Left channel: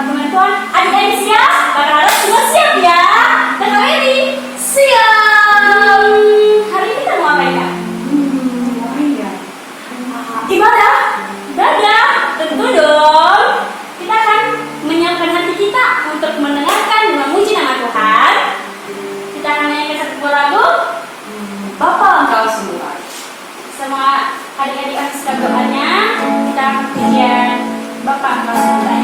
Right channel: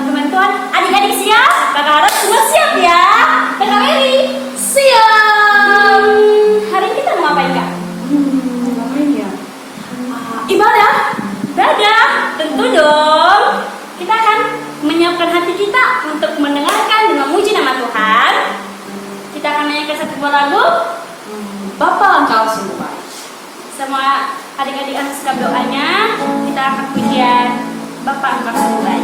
dalam firman Tuhan. Adik-adik siap? Kakak Laras semua siap ya? Kakak Mary siap. Hari ini kita mau ngapain Kak? Ngapain ya? Ibadah? Ibadah? Tentu dong. Kita akan menyiapkan hati kita untuk mendengarkan dan memuji nama Tuhan. Kita akan nyanyikan satu buah lagu. Bapa Engkau semua. Semua adik-adik akan siap doanya. Kita akan pujian Bapa Engkau mulai.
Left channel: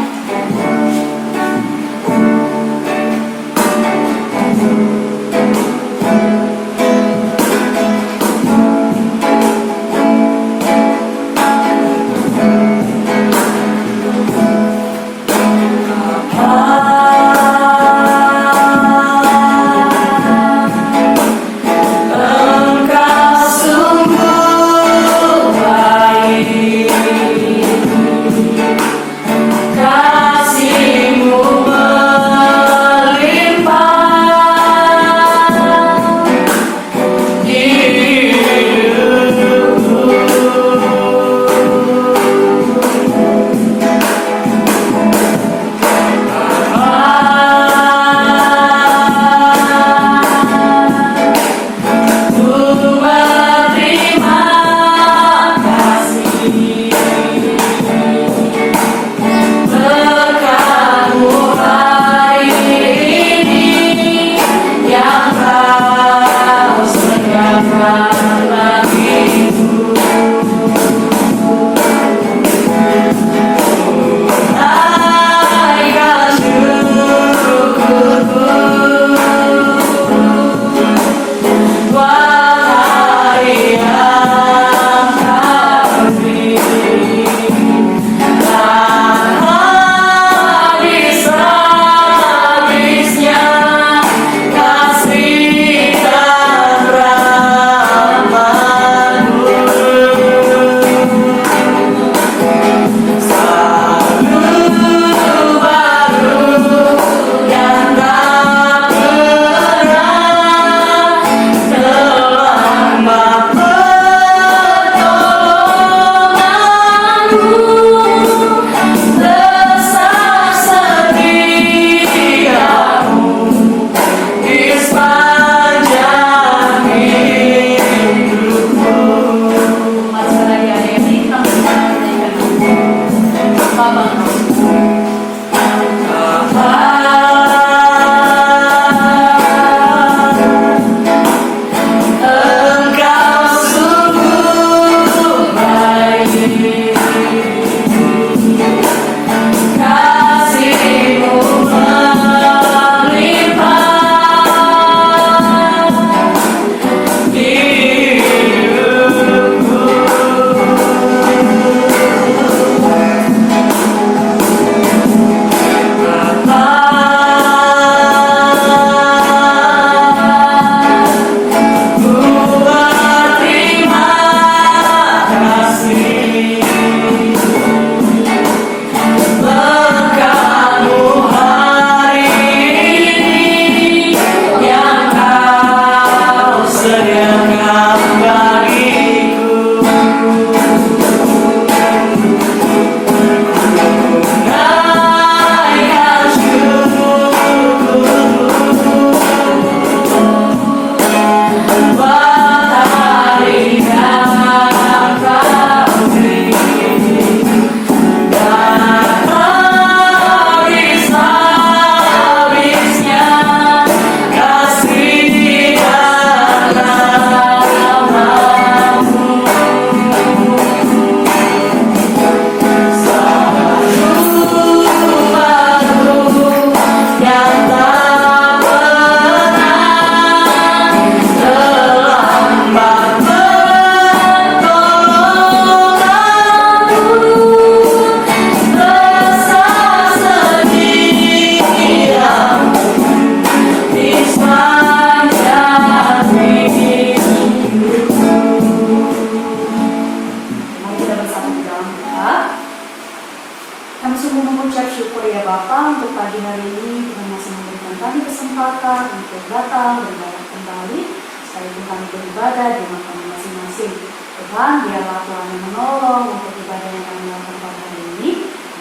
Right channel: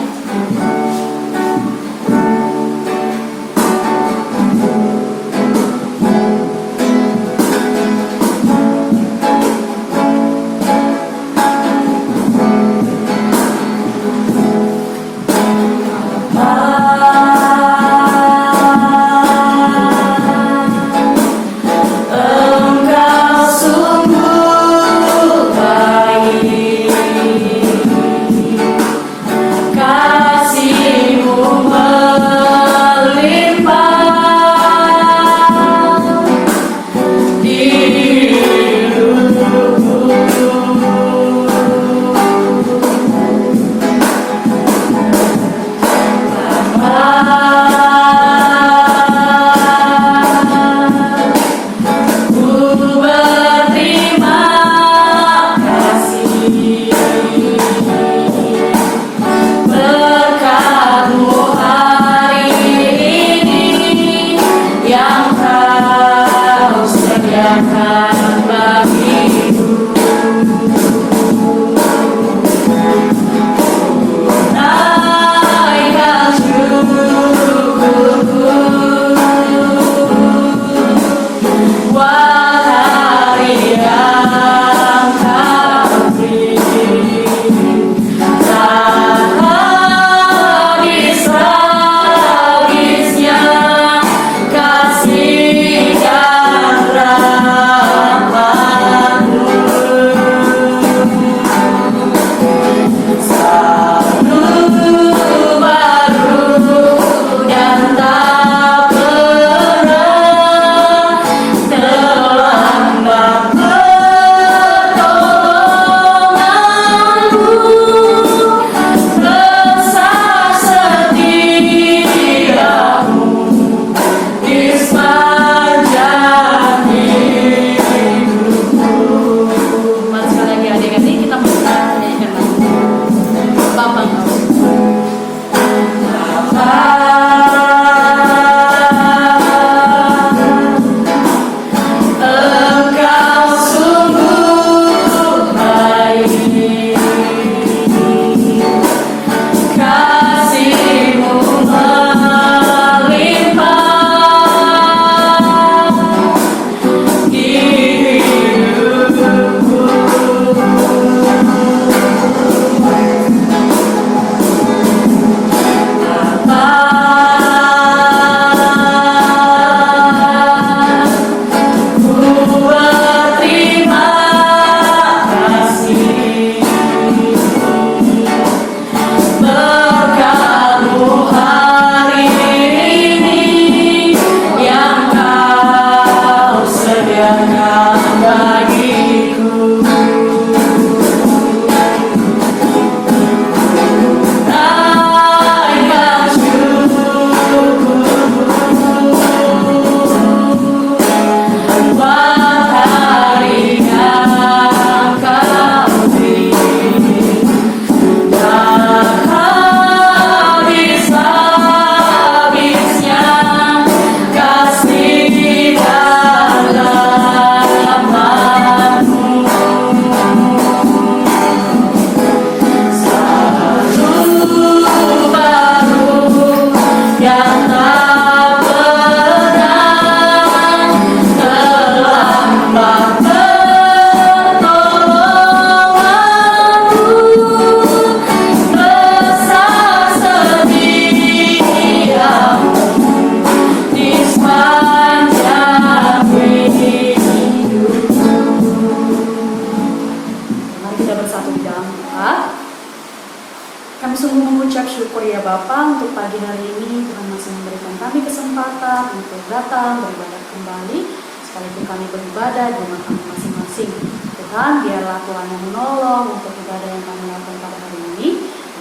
datang beribadah kembali sekalipun kami beribadah di rumah kami masing-masing. Tuhan, biarlah Tuhan yang menolong untuk ibadah yang kami lakukan pada hari ini.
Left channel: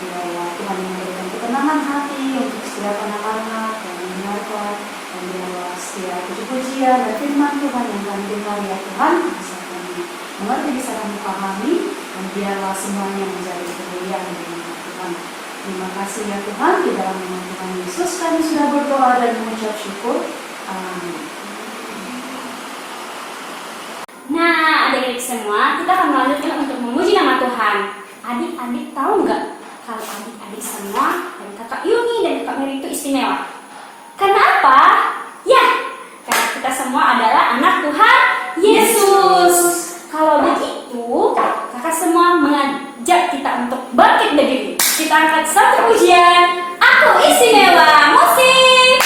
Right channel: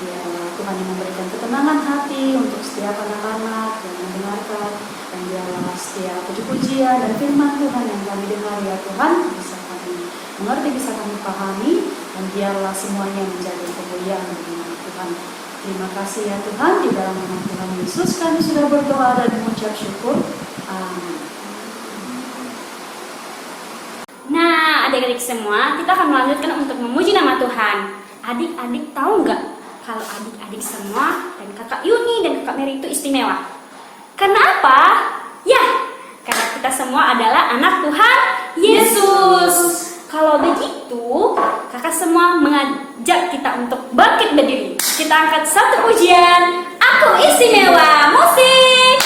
Biarlah Tuhan yang memberikan ketenangan hati firman Tuhan yang kami dengar ya Tuhan, bisa kami mengerti, bisa kami pahami, dan biarlah semuanya menjadi kemuliaan bagi nama Tuhan. Terima kasih ya Tuhan, di dalam nama Tuhan Yesus kami sudah berdoa dan mengucap syukur. Amin. Nah, adik-adik semua, kita akan melanjutkan untuk memuji nama Tuhan. Adik-adik tahu nggak kalau adik-adik semua dan kakak Yuni dan kakak Mary itu istimewa? Karena apa? Ya, karena kita semua adalah anak Tuhan Yesus. Kalau begitu, kakak semua mengajak kita untuk bangkit berdiri. Kita angkat satu pujian, Aku Istimewa. Musik!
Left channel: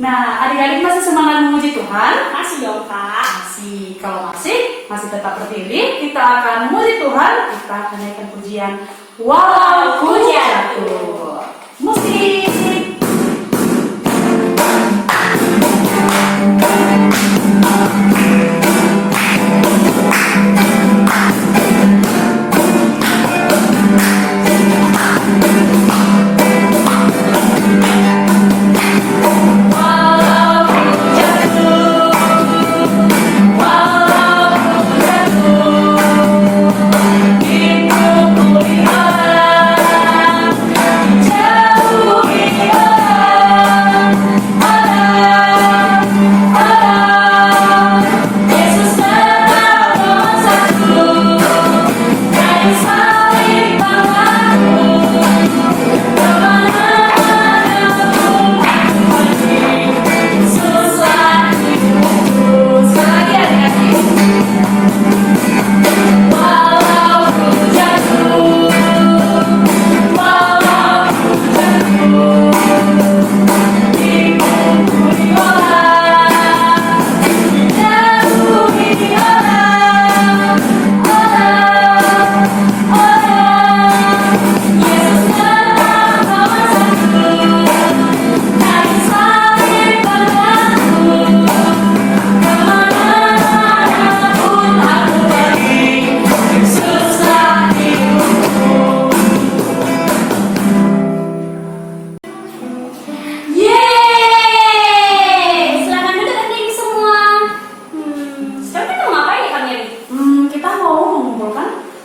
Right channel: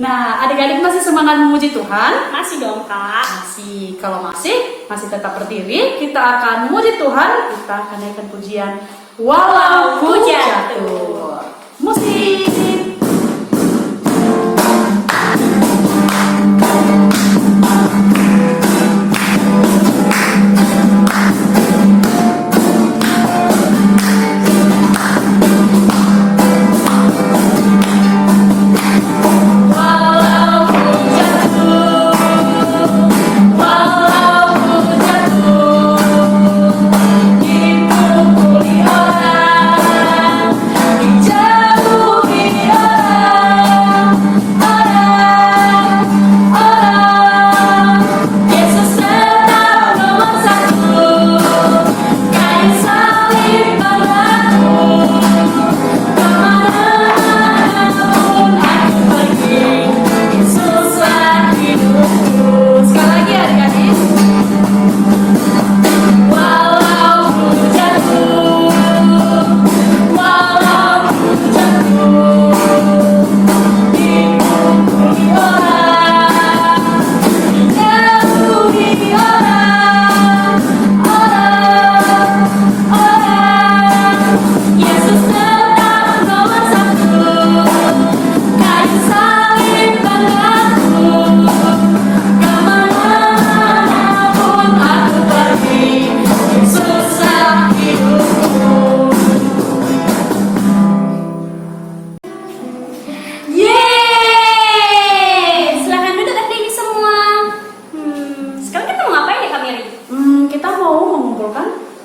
Nah, adik-adik masih semangat memuji Tuhan? Masih dong, Kak. Masih. Kalau masih tetap berdiri, kita akan memuji Tuhan. Kita akan naikkan pujian Walau Ku Jatuh. Musik. Jauh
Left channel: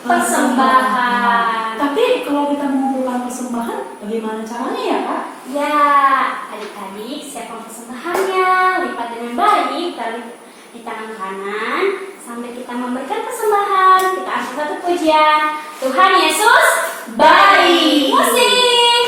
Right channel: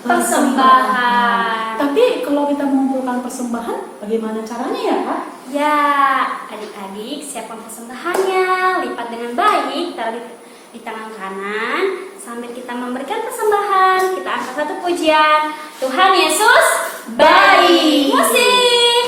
persembahan. Tapi kalau kita mengumpulkan persembahan, bagaimana caranya ya Kak? Ya, adik-adik siapkan persembahannya, lipat dengan baik, taruh di tangan kanan sambil kita memberikan persembahan. Kita angkat satu pujian. Tuhan Yesus baik. Musik.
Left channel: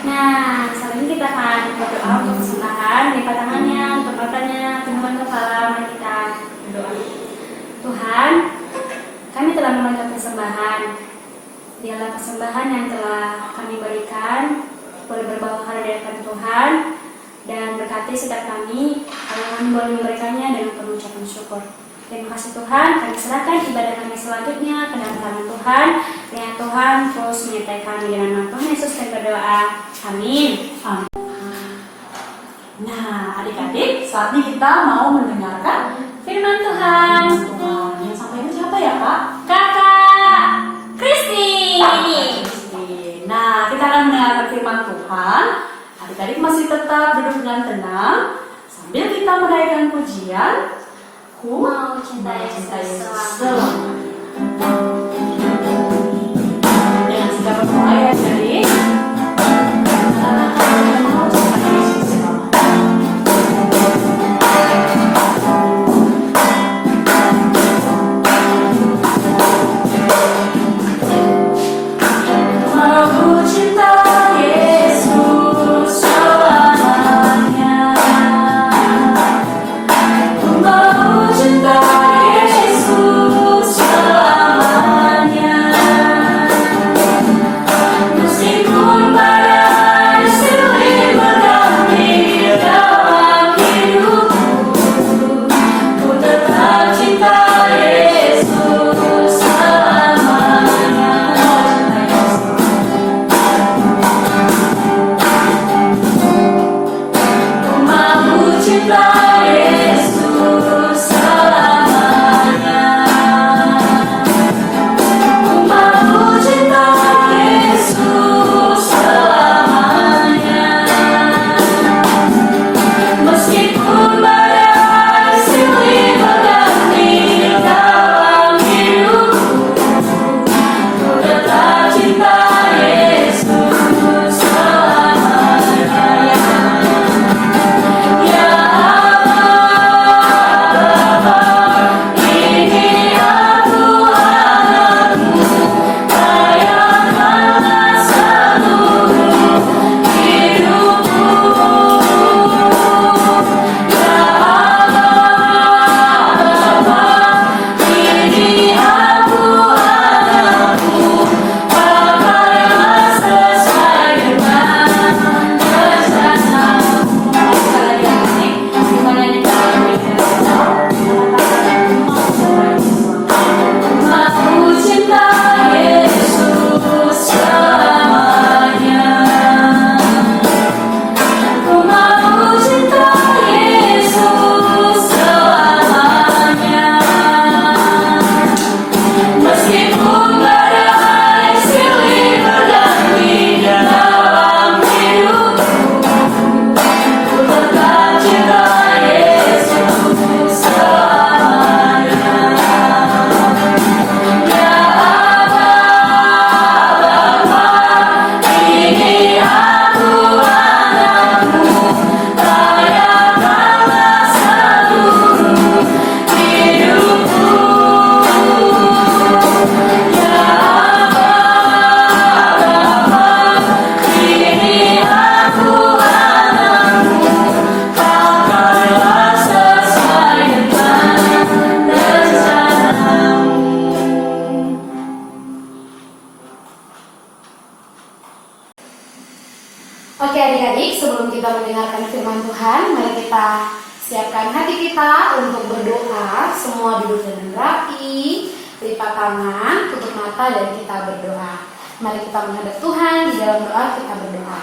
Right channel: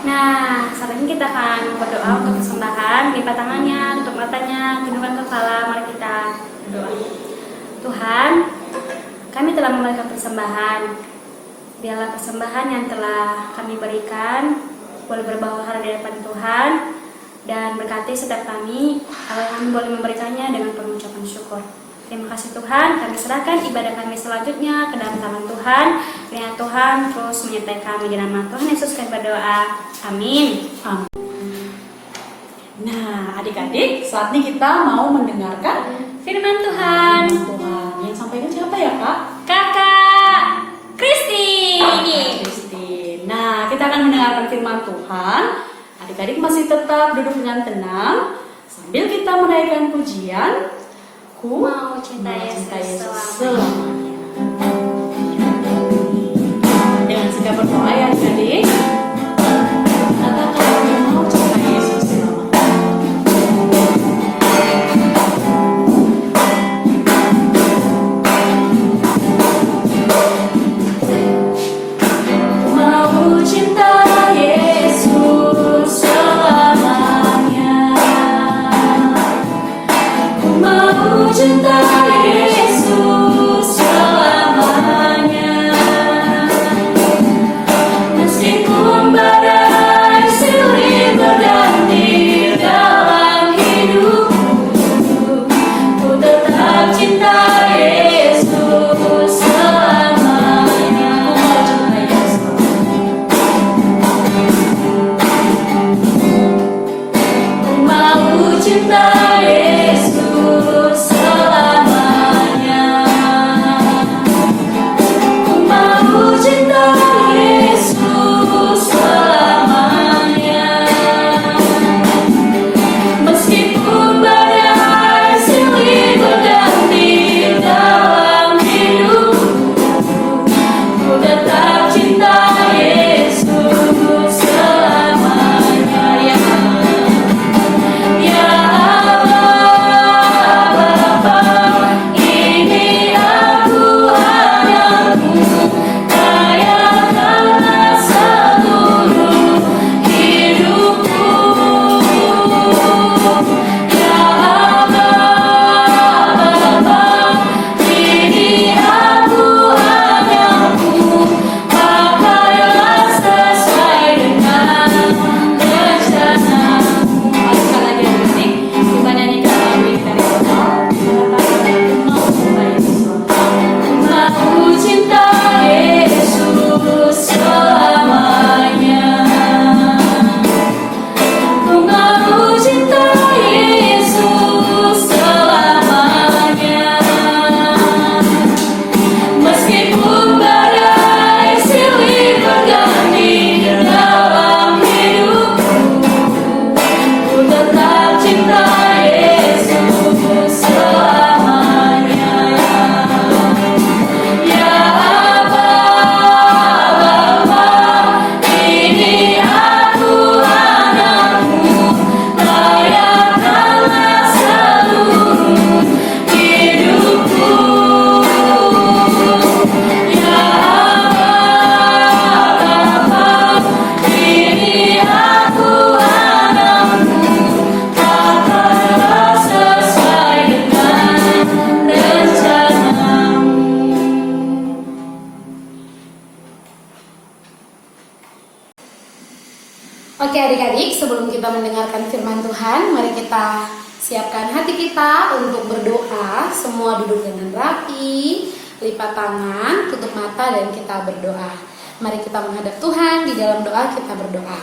Nah, saat ini kita akan berdoa untuk persembahan, lipat tangannya, tutup matanya, tundukkan kepala, mari kita berdoa. Tuhan, kami telah memberikan persembahan. Biarlah persembahan yang telah kami berikan boleh berbahagia dari hadapan Tuhan dan berkati setiap kami agar kami boleh memberikannya dengan penuh ucapan syukur. Terima kasih Tuhan, kami serahkan ibadah kami selanjutnya ke dalam tangan Tuhan. Biar Tuhan terus menyertai kami dengan nama Tuhan Yesus kami berdoa. Amin. Amin. Nah, adik-adik, saat ini kita mau mendengarkan Firman Tuhan. Tuhan. Yang sampaikan siapa ya Kak? Kakak Kristi. Nah, kita akan mendengarkan firman Tuhan. Adik-adik masih tetap duduk dengan tenang sambil kita menaikkan pujian. Ku Mau cinta Yesus selamanya. Dengan sikap berdoa ya adik-adik. Mau cinta Yesus selamanya. Mau cinta Yesus selamanya. Mau cinta Yesus kita mendengarkan firman Tuhan, mari kita siapkan hati kita untuk berdoa. Semua duduk dengan rapi, lipat tangan, tutup mata, dan kita berdoa. Mari kita menghadap Tuhan. Di dalam doa kita berdoa.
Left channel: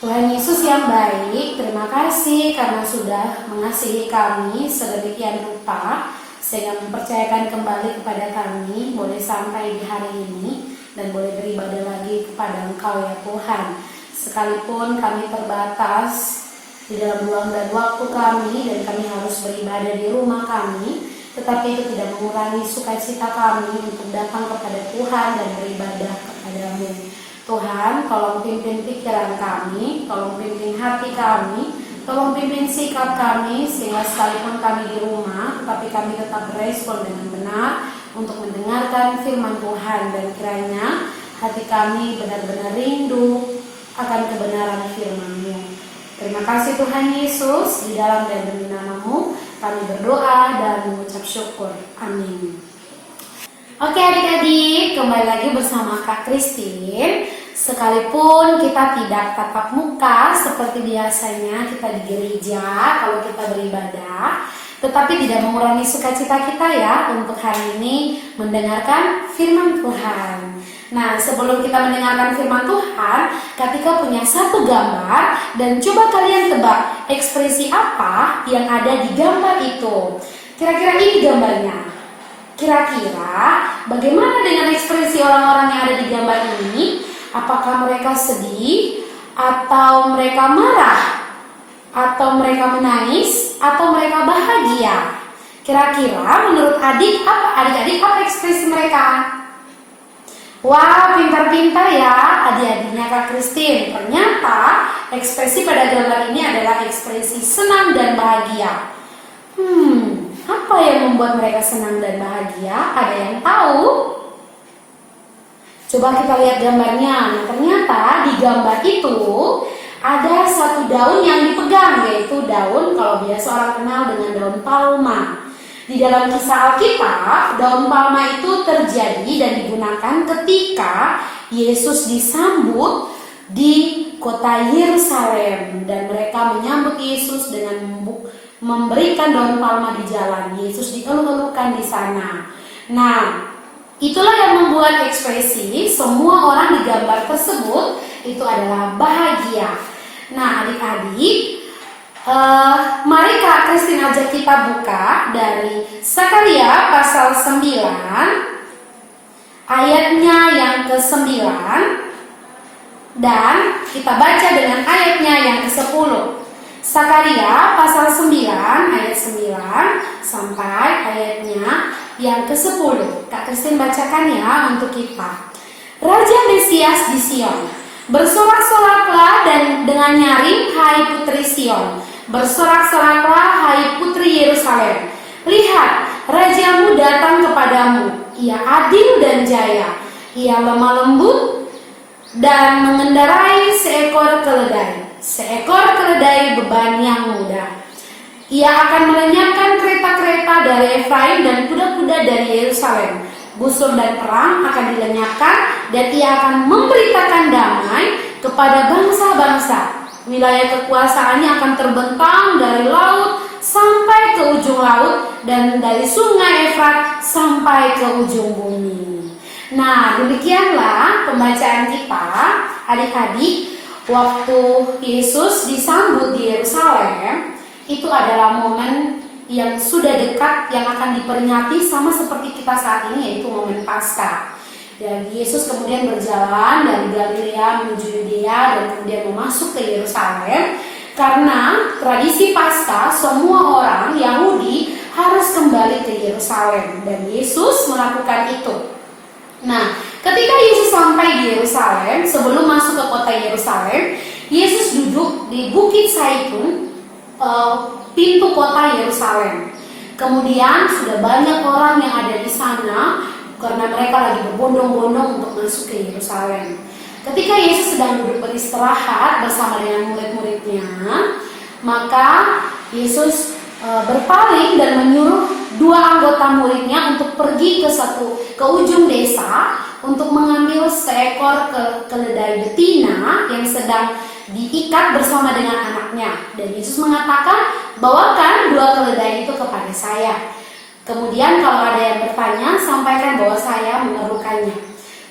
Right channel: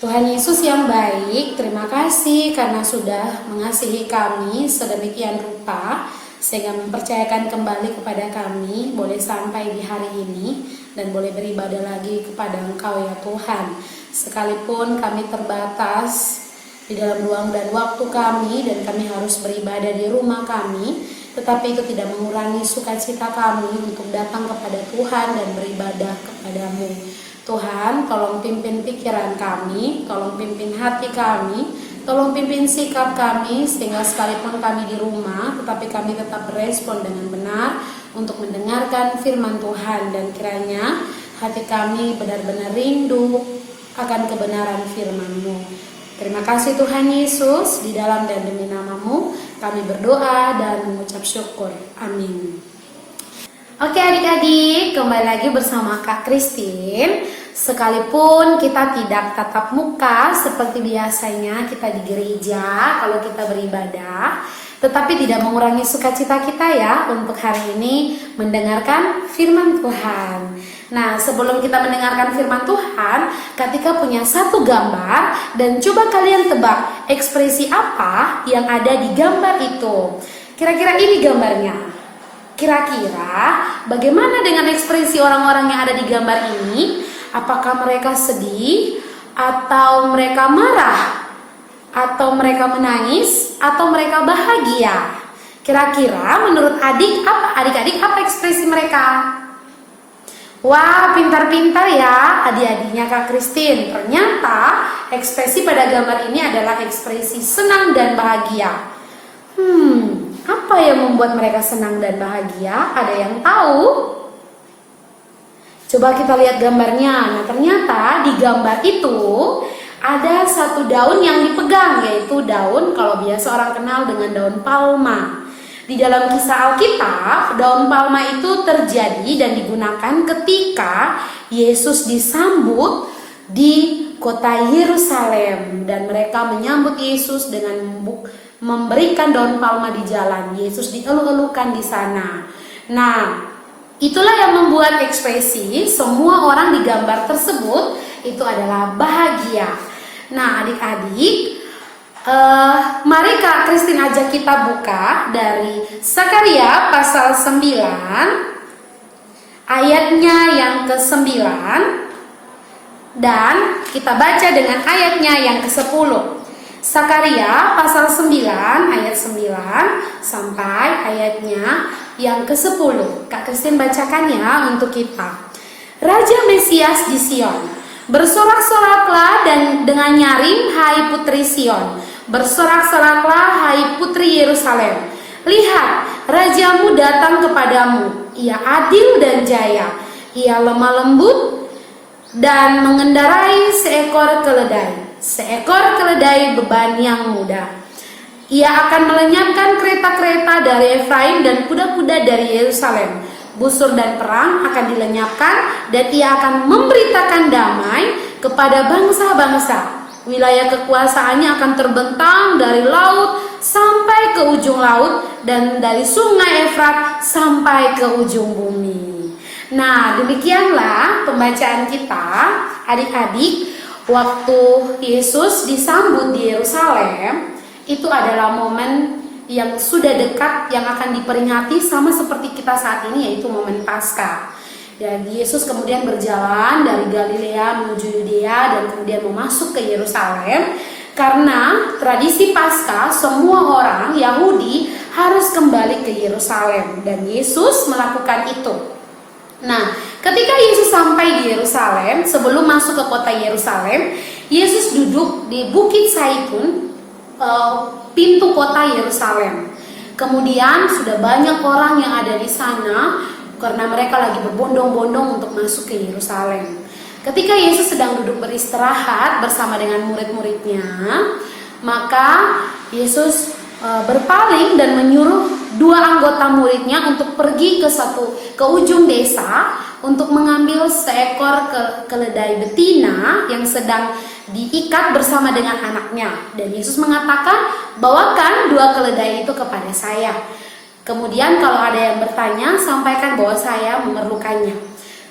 Tuhan Yesus yang baik, terima kasih karena sudah mengasihi kami sedemikian rupa, sehingga mempercayakan kembali kepada kami boleh sampai di hari ini dan boleh beribadah lagi kepada Engkau ya Tuhan. Sekalipun kami terbatas di dalam ruang dan waktu kami dan kami harus beribadah di rumah kami, tetapi itu tidak mengurangi sukacita kami untuk datang kepada Tuhan dan beribadah kepadamu. Tuhan, tolong pimpin pikiran kami, tolong pimpin hati kami, tolong pimpin sikap kami, sehingga sekalipun kami di rumah, tetapi kami tetap berespon dengan benar untuk mendengarkan firman Tuhan, dan kiranya hati kami benar-benar rindu akan kebenaran firman-Mu. Terima kasih Tuhan Yesus, di dalam dan demi nama-Mu kami berdoa dan mengucap syukur. Amin. Oke adik-adik, kembali lagi bersama Kak Christine. Sekalipun kita tidak tatap muka seperti biasanya kita di gereja kalau kita beribadah, tetapi tidak mengurangi sukacita kita ya untuk hari ini mendengarkan firman Tuhan. Nah, sebelum kita mendengarkan firman Tuhan, Katika punya satu gambar dan coba kalian tebak ekspresi apa yang ada di gambar itu. Kira-kira ini gambarnya. Kira-kira bagaimana dengan ekspresi orang-orang yang ada di gambar ini? Apakah mereka sedih, atau mereka marah, atau mereka menangis, atau mereka bahagia? Kira-kira menurut adik-adik apa ekspresi mereka? Wah, pintar-pintar ya adik-adiknya Kak Christine. Ternyata ekspresi pada gambar ini adalah ekspresi senang dan bahagia. Apa yang membuat mereka senang dan bahagia? Ada yang tahu? Coba kita lihat gambarnya. Nah, ternyata di gambar itu ada satu daun yang dipegang, yaitu daun, kalau biasa orang kenal dengan daun palma. Di dalam kisah Alkitab, daun palma itu terjadi dan digunakan ketika Yesus disambut di kota Yerusalem, dan mereka menyambut Yesus dengan memberikan daun palma di jalan. Yesus dieluk-elukan di sana. Nah, itulah yang membuat ekspresi semua orang di gambar tersebut itu adalah bahagia. Nah, adik-adik, mari Kak Christine ajak kita buka dari Sakaria pasal 9 ayatnya yang ke-9, dan kita baca dengan ayatnya yang ke-10. Sakaria pasal 9 ayat 9 sampai ayatnya yang ke-10. Kak Christine bacakan ya untuk kita. Raja Mesias di Sion, bersorak-soraklah dan dengan nyaring hai putri Sion. Bersorak-soraklah hai putri Yerusalem. Lihat, rajamu datang kepadamu. Ia adil dan jaya. Ia lemah lembut dan mengendarai seekor keledai. Seekor keledai beban yang mudah. Ia akan melenyapkan kereta-kereta dari Efraim dan kuda-kuda dari Yerusalem. Busur dan perang akan dilenyapkan, dan ia akan memberitakan damai kepada bangsa-bangsa. Wilayah kekuasaannya akan terbentang dari laut sampai ke ujung laut, dan dari sungai Efrat sampai ke ujung bumi. Nah, demikianlah pembacaan kita, adik-adik. Waktu Yesus disambut di Yerusalem, itu adalah momen yang sudah dekat, yang akan diperingati sama seperti kita saat ini, yaitu momen Paskah. Dan Yesus kemudian berjalan dari Galilea menuju Yudea dan kemudian mau masuk ke Yerusalem, karena tradisi Paskah semua orang Yahudi harus kembali ke Yerusalem, dan Yesus melakukan itu. Nah, ketika Yesus sampai di Yerusalem, sebelum masuk ke kota Yerusalem, Yesus duduk di Bukit Zaitun, pintu kota Yerusalem. Kemudian sudah banyak orang yang ada di sana karena mereka lagi berbondong-bondong untuk masuk ke Yerusalem. Ketika Yesus sedang duduk beristirahat bersama dengan murid-muridnya, maka Yesus berpaling dan menyuruh dua anggota muridnya untuk pergi ke ujung desa untuk mengambil seekor keledai betina yang sedang diikat bersama dengan anaknya. Dan Yesus mengatakan, bawakan dua keledai itu kepada saya. Kemudian kalau ada yang bertanya, sampaikan bahwa saya memerlukannya.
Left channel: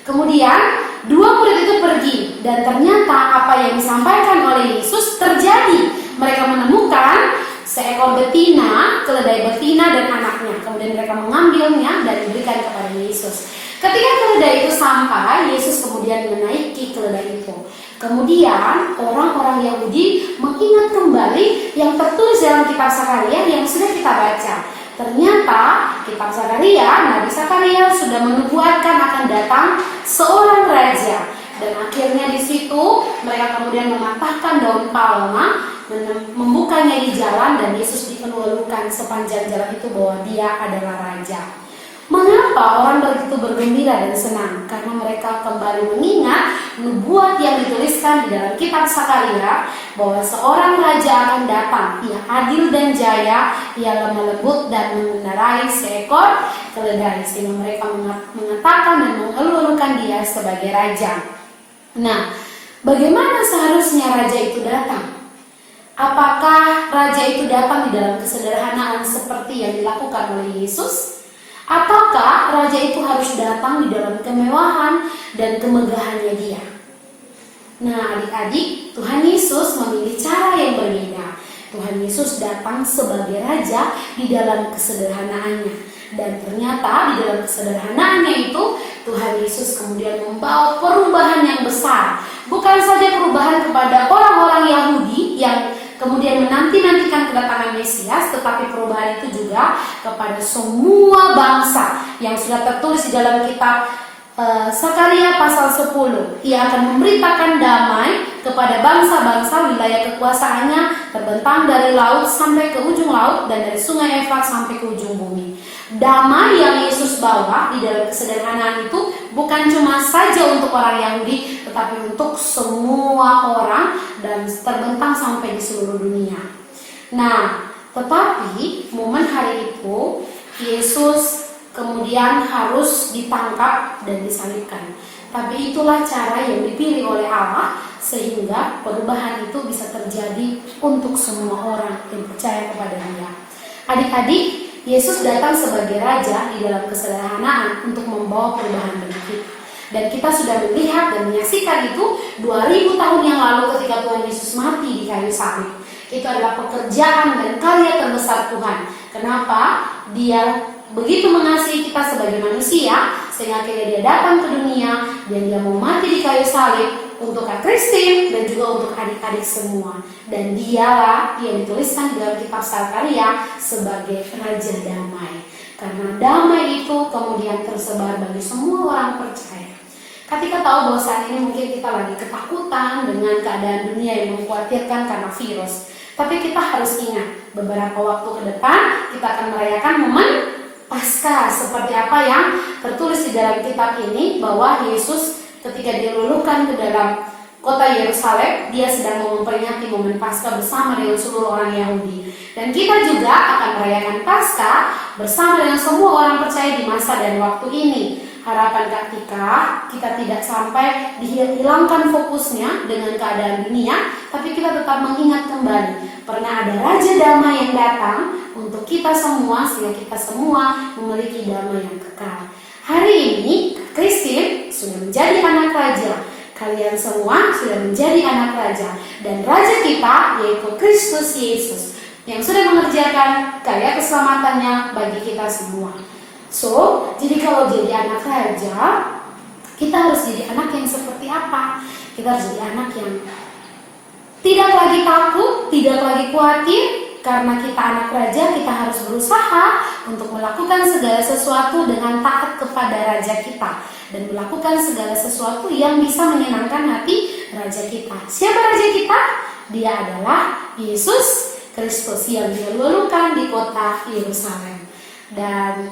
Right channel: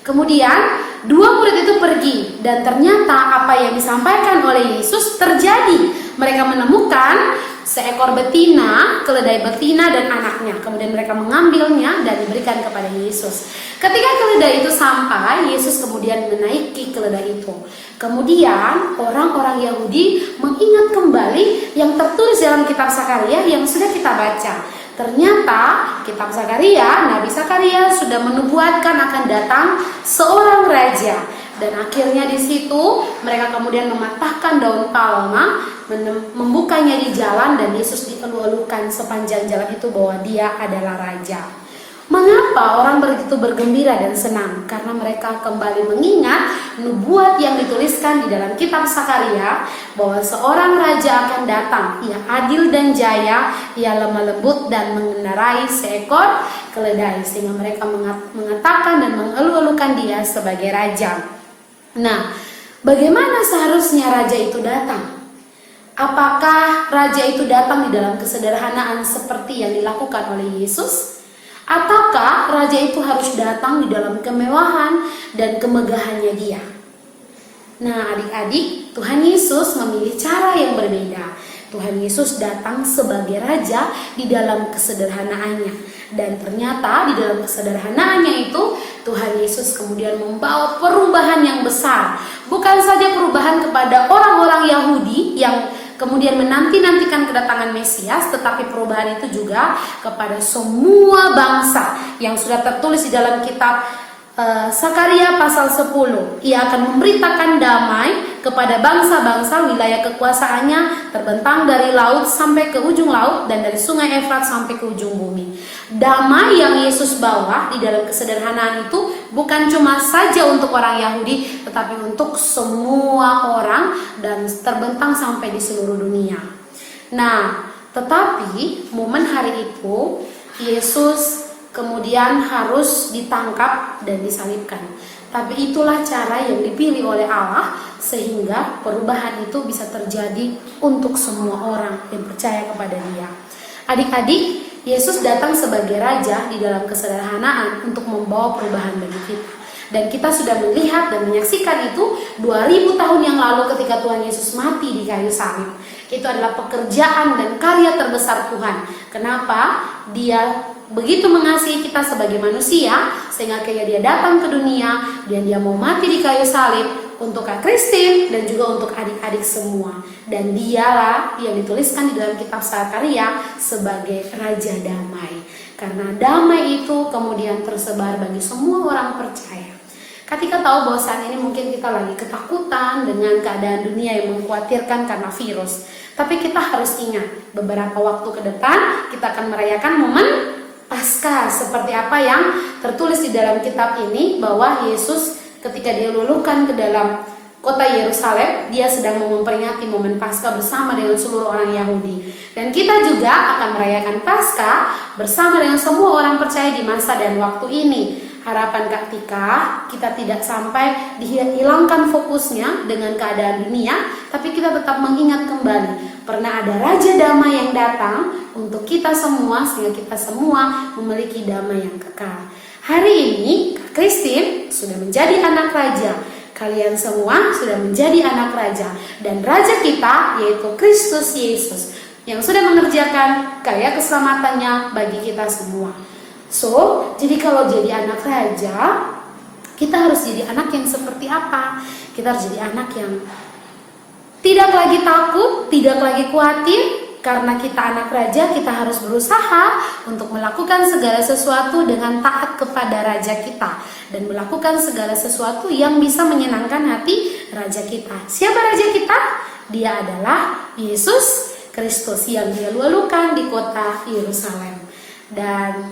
Kemudian dua murid itu pergi dan ternyata apa yang disampaikan oleh Yesus terjadi. Mereka menemukan seekor betina, keledai betina dan anaknya. Kemudian mereka mengambilnya dan diberikan kepada Yesus. Ketika keledai itu sampai, Yesus kemudian menaiki keledai itu. Kemudian orang-orang Yahudi mengingat kembali yang tertulis dalam kitab Zakaria yang sudah kita baca. Ternyata kitab Zakaria, Nabi Zakaria sudah menubuatkan akan datang seorang raja. Dan akhirnya di situ mereka kemudian mematahkan daun palma, membukanya di jalan, dan Yesus dielu-elukan sepanjang jalan itu bahwa dia adalah raja. Mengapa orang begitu bergembira dan senang? Karena mereka kembali mengingat nubuat yang dituliskan di dalam kitab Zakaria bahwa seorang raja akan datang. Ia adil dan jaya, ia lemah lembut dan mengendarai seekor keledai, sehingga mereka mengatakan dan mengeluh-elukan dia sebagai raja. Nah, bagaimana seharusnya raja itu datang? Apakah raja itu datang di dalam kesederhanaan seperti yang dilakukan oleh Yesus? Ataukah raja itu harus datang di dalam kemewahan dan kemegahannya dia? Nah, adik-adik, Tuhan Yesus memilih cara yang berbeda. Tuhan Yesus datang sebagai raja di dalam kesederhanaannya. Dan ternyata di dalam kesederhanaannya itu Tuhan Yesus kemudian membawa perubahan yang besar. Bukan saja perubahan kepada orang-orang Yahudi yang kemudian menanti-nantikan kedatangan Mesias, tetapi perubahan itu juga kepada semua bangsa yang sudah tertulis di dalam kitab Zakaria pasal 10. Ia akan memberitakan damai kepada bangsa-bangsa. Wilayah kekuasaannya terbentang dari laut sampai ke ujung laut dan dari sungai Efrat sampai ke ujung bumi. Damai yang Yesus bawa di dalam kesederhanaan itu bukan cuma saja untuk orang Yahudi, tetapi untuk semua orang dan terbentang sampai di seluruh dunia. Nah, tetapi momen hari itu Yesus kemudian harus ditangkap dan disalibkan. Tapi itulah cara yang dipilih oleh Allah sehingga perubahan itu bisa terjadi untuk semua orang yang percaya kepada Dia. Adik-adik, Yesus datang sebagai raja di dalam kesederhanaan untuk membawa perubahan bagi kita. Dan kita sudah melihat dan menyaksikan itu 2000 tahun yang lalu ketika Tuhan Yesus mati di kayu salib. Itu adalah pekerjaan dan karya terbesar Tuhan. Kenapa? Dia begitu mengasihi kita sebagai manusia sehingga akhirnya dia datang ke dunia dan dia mau mati di kayu salib untuk Kak Christine dan juga untuk adik-adik semua. Dan dialah yang dituliskan di dalam kitab Zakaria sebagai Raja Damai. Karena damai itu kemudian tersebar bagi semua orang percaya. Ketika tahu bahwa saat ini mungkin kita lagi ketakutan dengan keadaan dunia yang mengkhawatirkan karena virus. Tapi kita harus ingat beberapa waktu ke depan kita akan merayakan momen Paskah, seperti apa yang tertulis di dalam kitab ini, bahwa Yesus ketika diluluhkan ke dalam kota Yerusalem, dia sedang memperingati momen Paskah bersama dengan seluruh orang Yahudi. Dan kita juga akan merayakan Paskah bersama dengan semua orang percaya di masa dan waktu ini. Harapan Kak Tika, kita tidak sampai dihilangkan fokusnya dengan keadaan dunia, tapi kita tetap mengingat kembali pernah ada Raja Damai yang datang untuk kita semua, sehingga kita semua memiliki damai yang kekal. Hari ini Kak Christine sudah menjadi anak raja. Kalian semua sudah menjadi anak raja. Dan raja kita yaitu Kristus Yesus yang sudah mengerjakan karya keselamatannya bagi kita semua. So, jadi kalau jadi anak raja, kita harus jadi anak yang seperti apa? Kita harus jadi anak yang tidak lagi takut, tidak lagi khawatir. Karena kita anak raja, kita harus berusaha untuk melakukan segala sesuatu dengan taat kepada raja kita. Dan melakukan segala sesuatu yang bisa menyenangkan hati raja kita. Siapa raja kita? Dia adalah Yesus Kristus yang diluluhkan di kota Yerusalem. Dan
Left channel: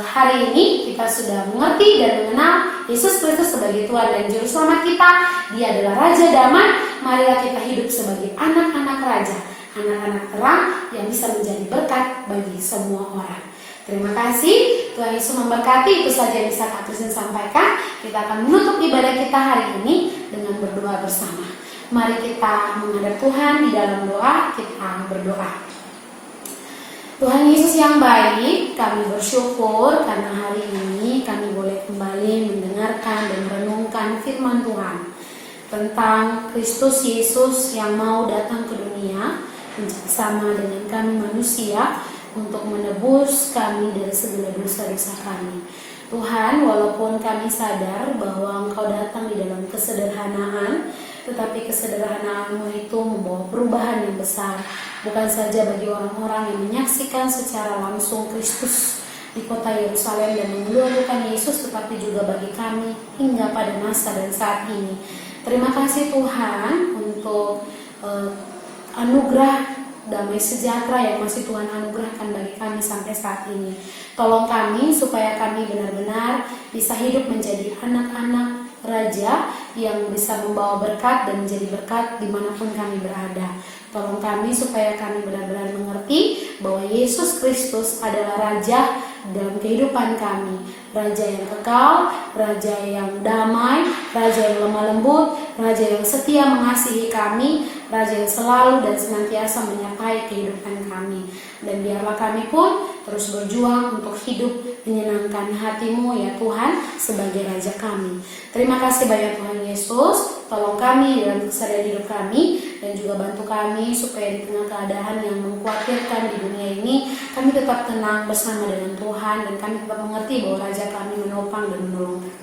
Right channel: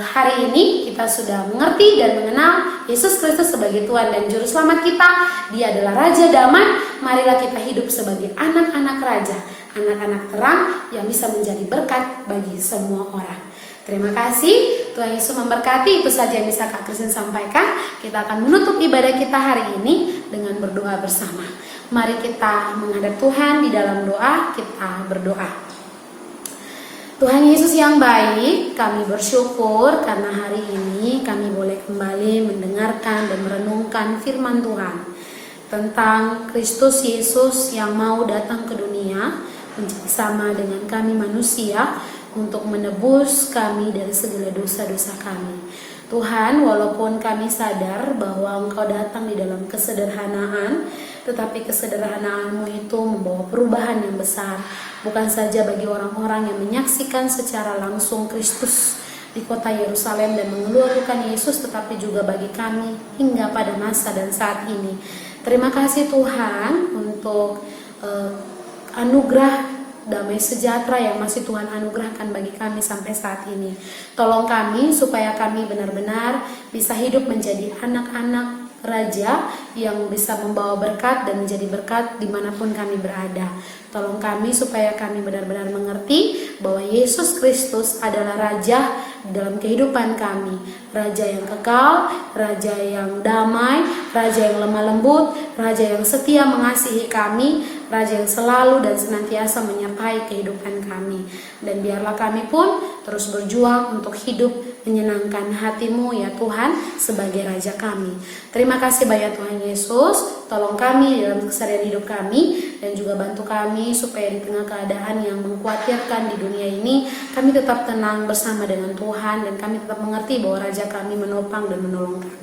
hari ini kita sudah mengerti dan mengenal Yesus Kristus sebagai Tuhan dan Juru Selamat kita. Dia adalah Raja Damai. Marilah kita hidup sebagai anak-anak raja, anak-anak terang yang bisa menjadi berkat bagi semua orang. Terima kasih, Tuhan Yesus memberkati. Itu saja yang bisa Kak Kristen sampaikan. Kita akan menutup ibadah kita hari ini dengan berdoa bersama. Mari kita menghadap Tuhan di dalam doa, kita berdoa. Tuhan Yesus yang baik, kami bersyukur karena hari ini kami boleh kembali mendengarkan dan merenungkan firman Tuhan tentang Kristus Yesus yang mau datang ke dunia bersama dengan kami manusia untuk menebus kami dari segala dosa-dosa kami. Tuhan, walaupun kami sadar bahwa Engkau datang di dalam kesederhanaan, tetapi kesederhanaanmu itu membawa perubahan yang besar, bukan saja bagi orang-orang yang menyaksikan secara langsung Kristus di kota Yerusalem dan mengeluarkan Yesus, tetapi juga bagi kami hingga pada masa dan saat ini. Terima kasih Tuhan untuk anugerah damai sejahtera yang masih Tuhan anugerahkan bagi kami sampai saat ini. Tolong kami supaya kami benar-benar bisa hidup menjadi anak-anak Raja yang bisa membawa berkat dan menjadi berkat dimanapun kami berada. Tolong kami supaya kami benar-benar mengerti bahwa Yesus Kristus adalah Raja dalam kehidupan kami. Raja yang kekal, Raja yang damai, Raja yang lemah lembut, Raja yang setia mengasihi kami, Raja yang selalu dan senantiasa menyertai kehidupan kami. Dan biarlah kami pun terus berjuang untuk hidup menyenangkan hati-Mu ya Tuhan sebagai Raja kami. Terima kasih banyak Tuhan Yesus. Tolong kami dalam keseharian hidup kami dan juga bantu kami supaya di tengah keadaan yang mengkhawatirkan di dunia ini kami tetap tenang bersama dengan Tuhan dan kami tetap mengerti bahwa Raja kami menopang dan menolong kami.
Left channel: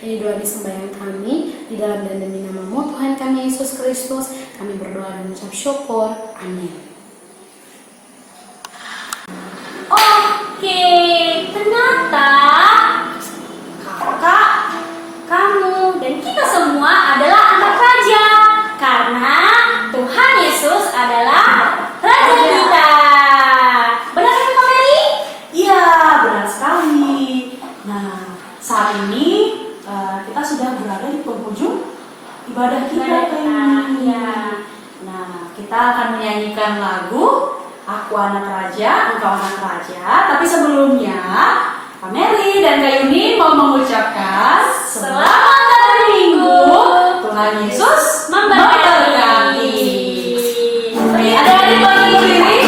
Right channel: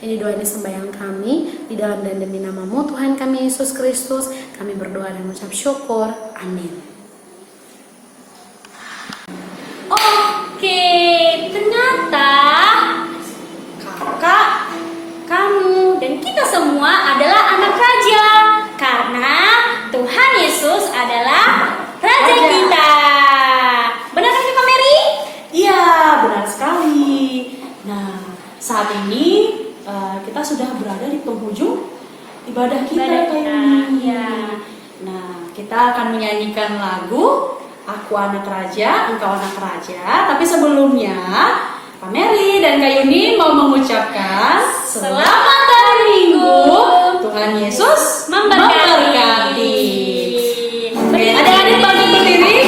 Ini doa sembahyang kami di dalam dan demi nama-Mu Tuhan kami Yesus Kristus. Kami berdoa dan mengucap syukur. Amin. Oke, ternyata kakak, kamu, dan kita semua adalah anak raja karena Tuhan Yesus adalah Raja kita. Benar kan Kak Mary? Iya, benar sekali. Nah, saat ini kita sudah berada di penghujung ibadah kita. Ya. Nah, kita akan menyanyikan lagu Aku Anak Raja, Engkau Anak Raja. Tapi sebelumnya, Kak Mary dan Kak Yuni mau mengucapkan Selamat hari Minggu. Tuhan Yesus Memberkati. Oke, adik-adik mau tutup diri.